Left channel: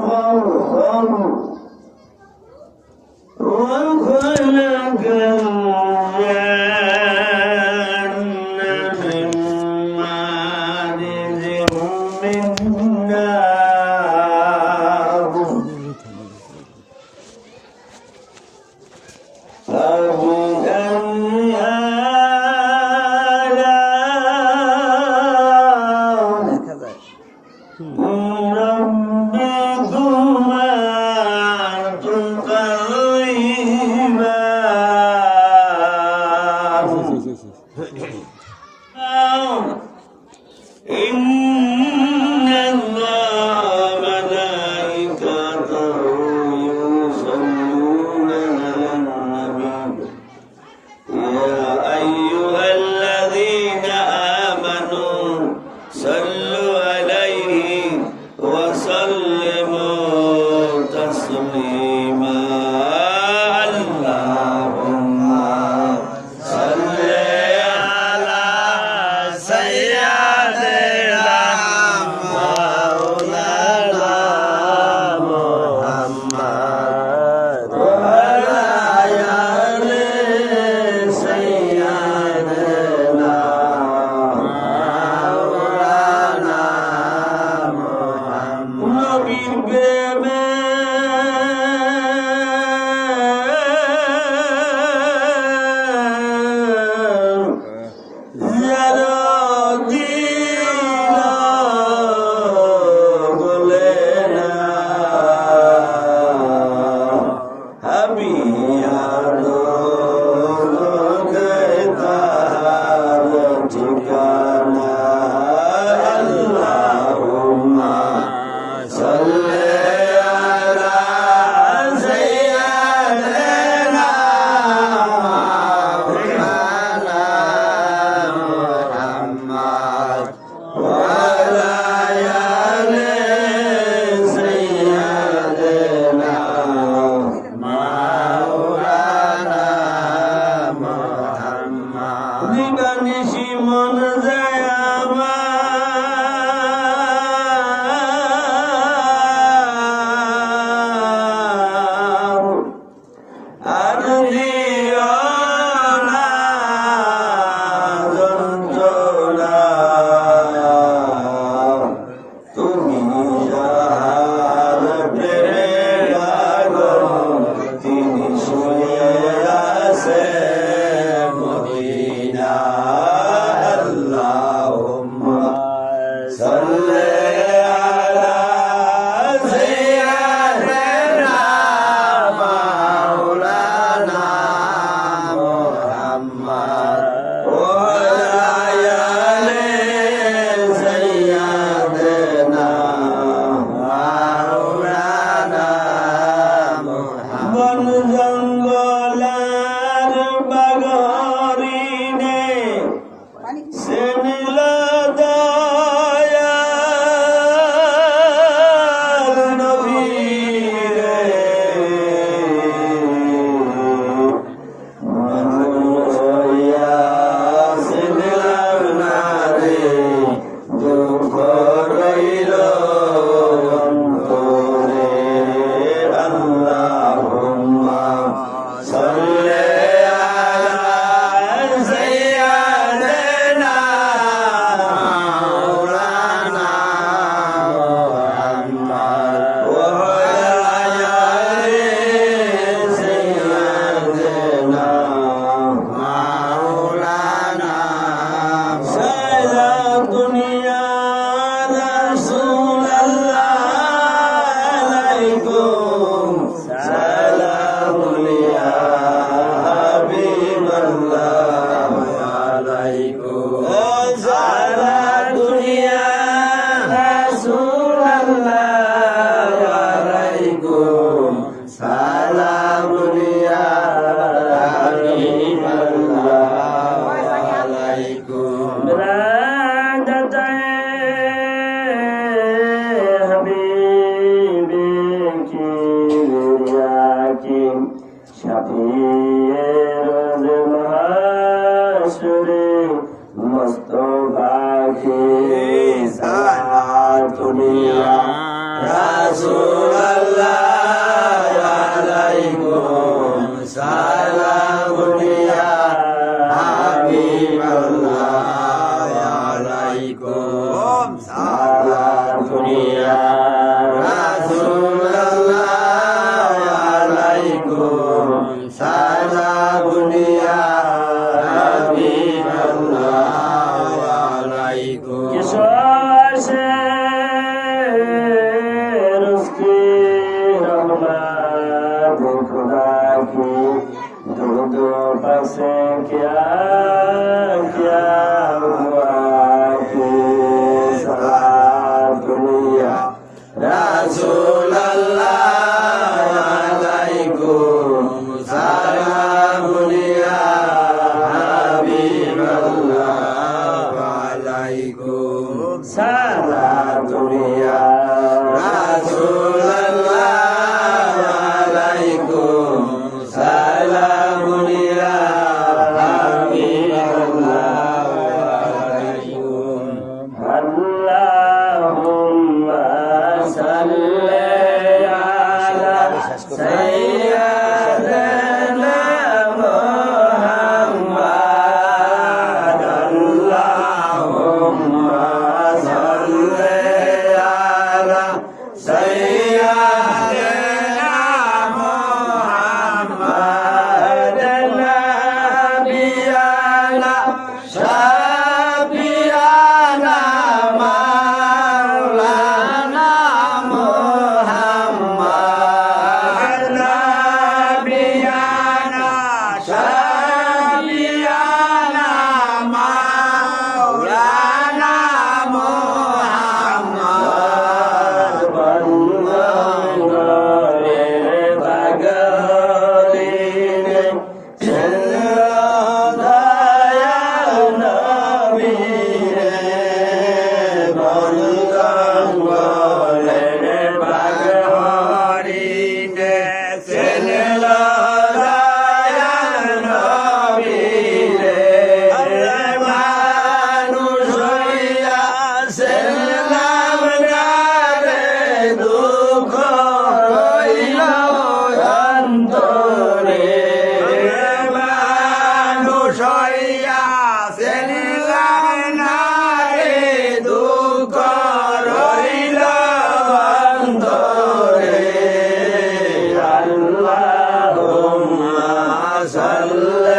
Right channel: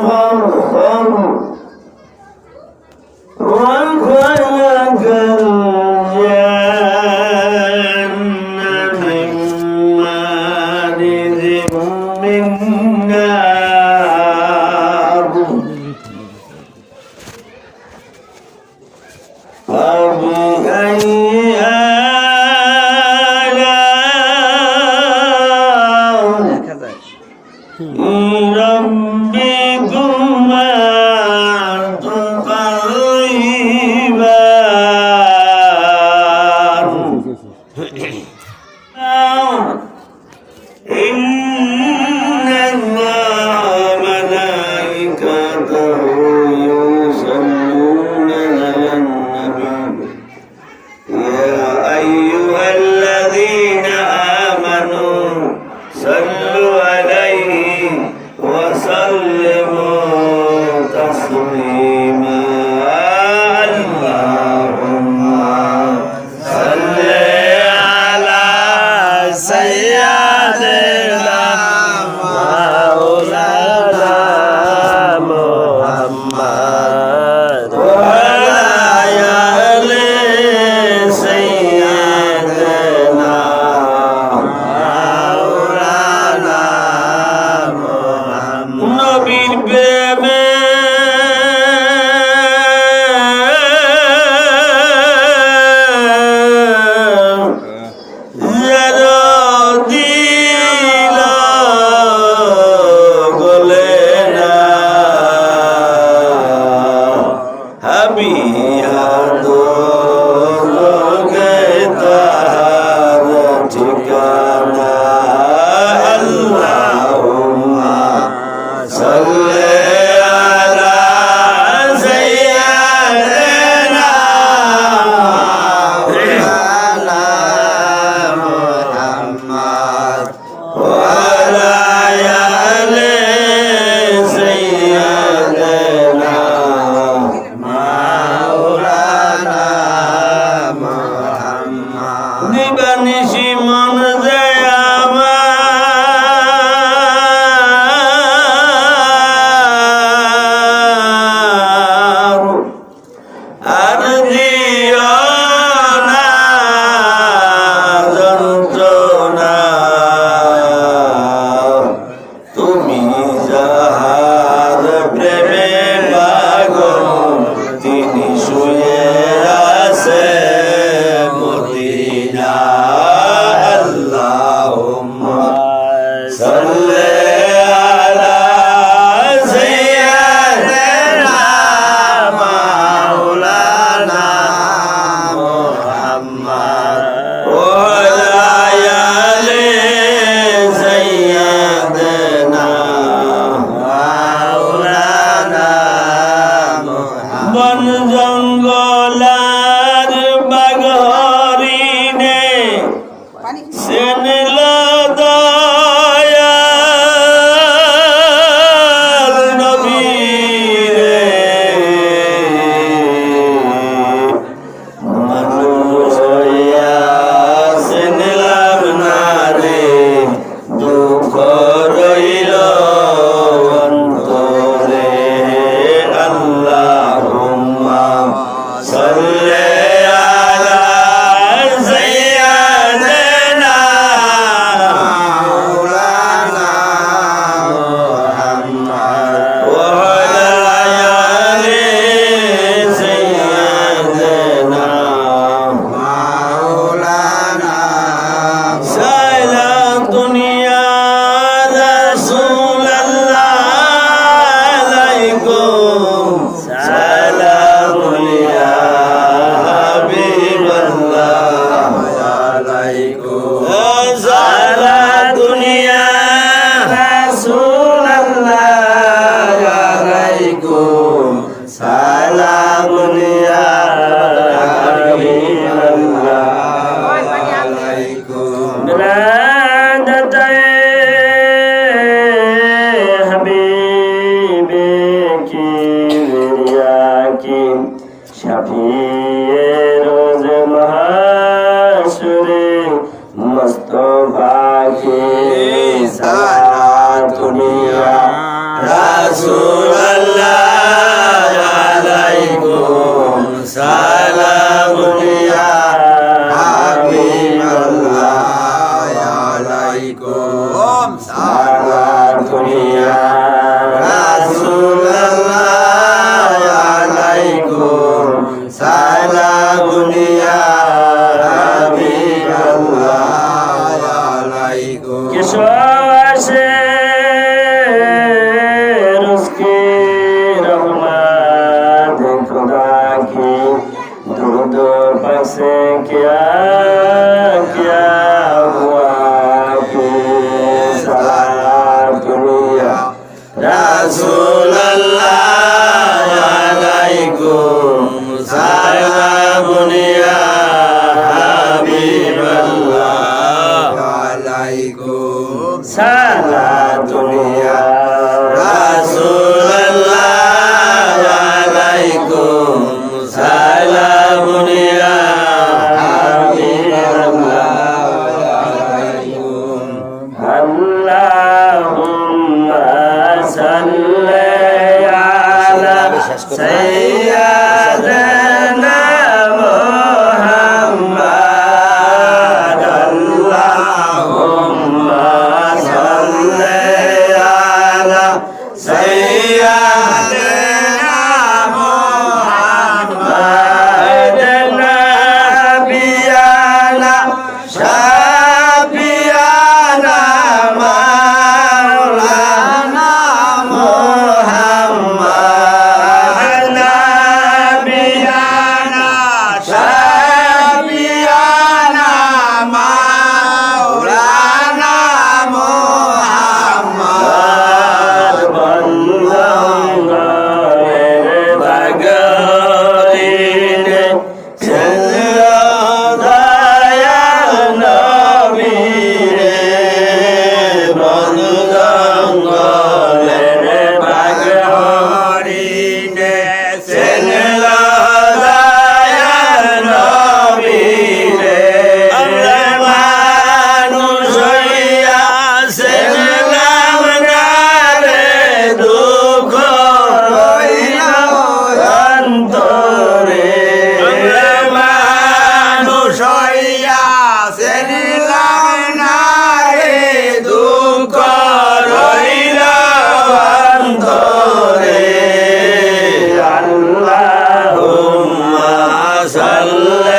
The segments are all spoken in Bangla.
সম্ভব Santo Sana Santa 주시와 আল্লাহ।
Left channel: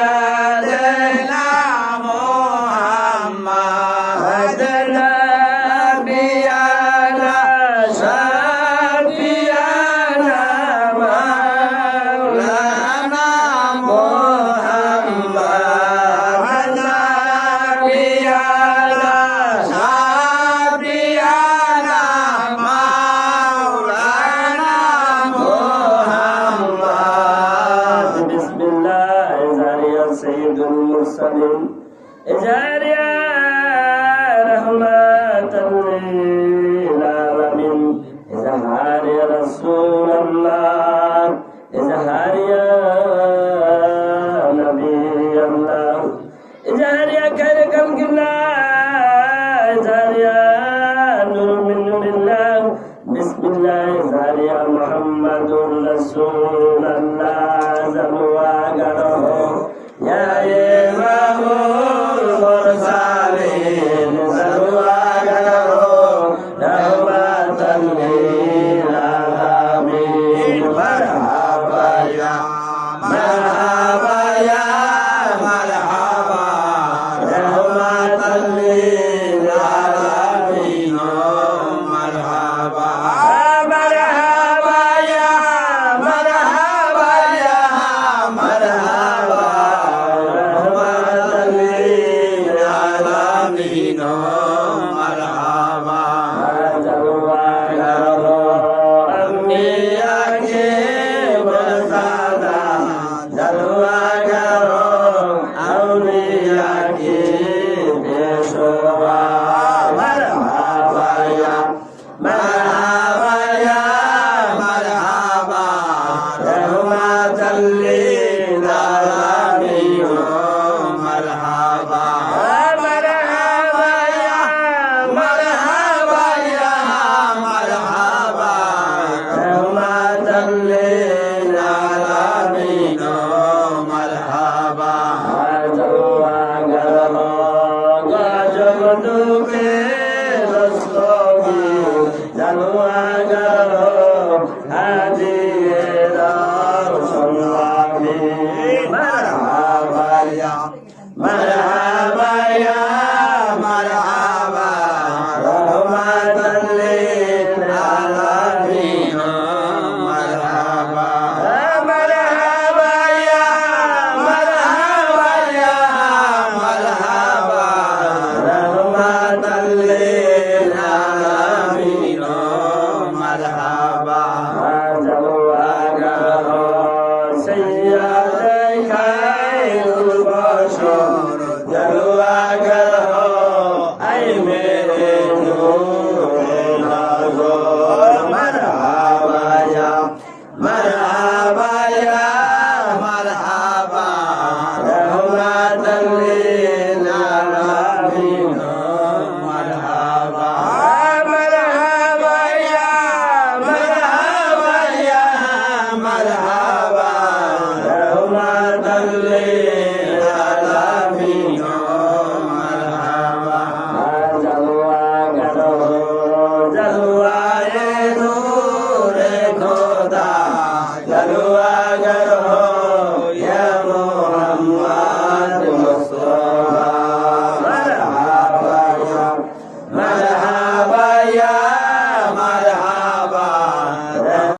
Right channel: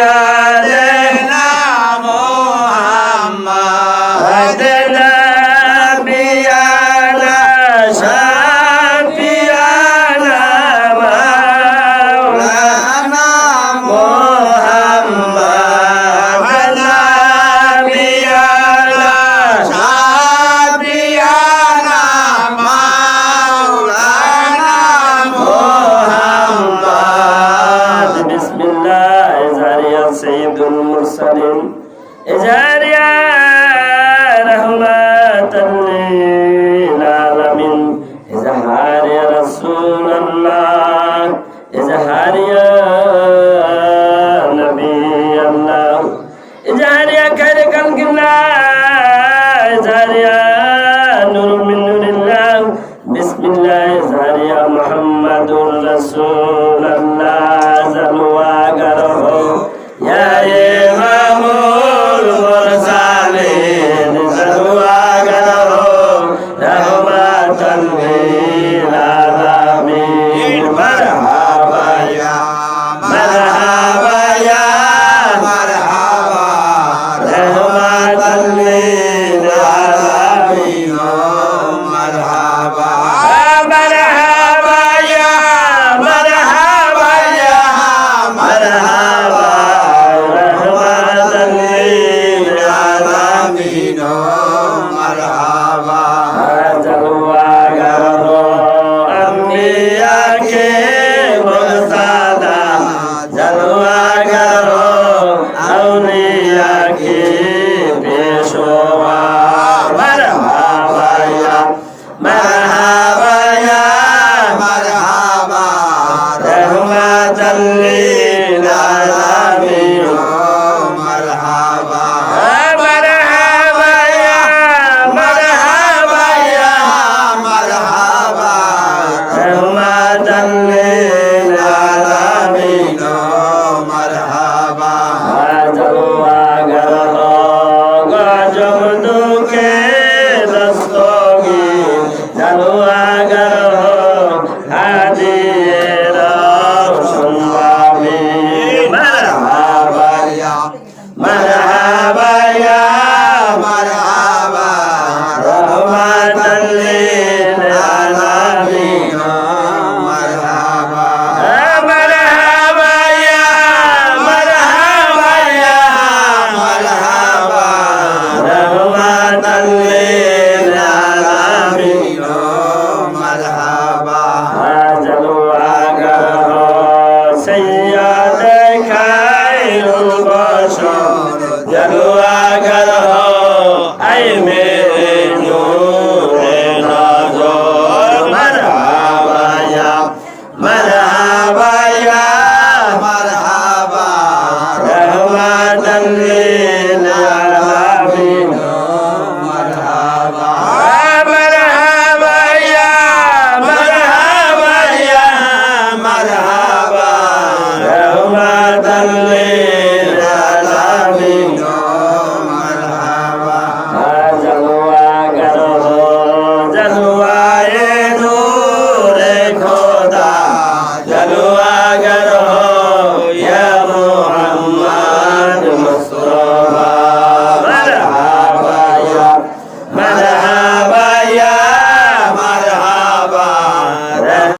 Glória! سيد المرسلين زاريا tal.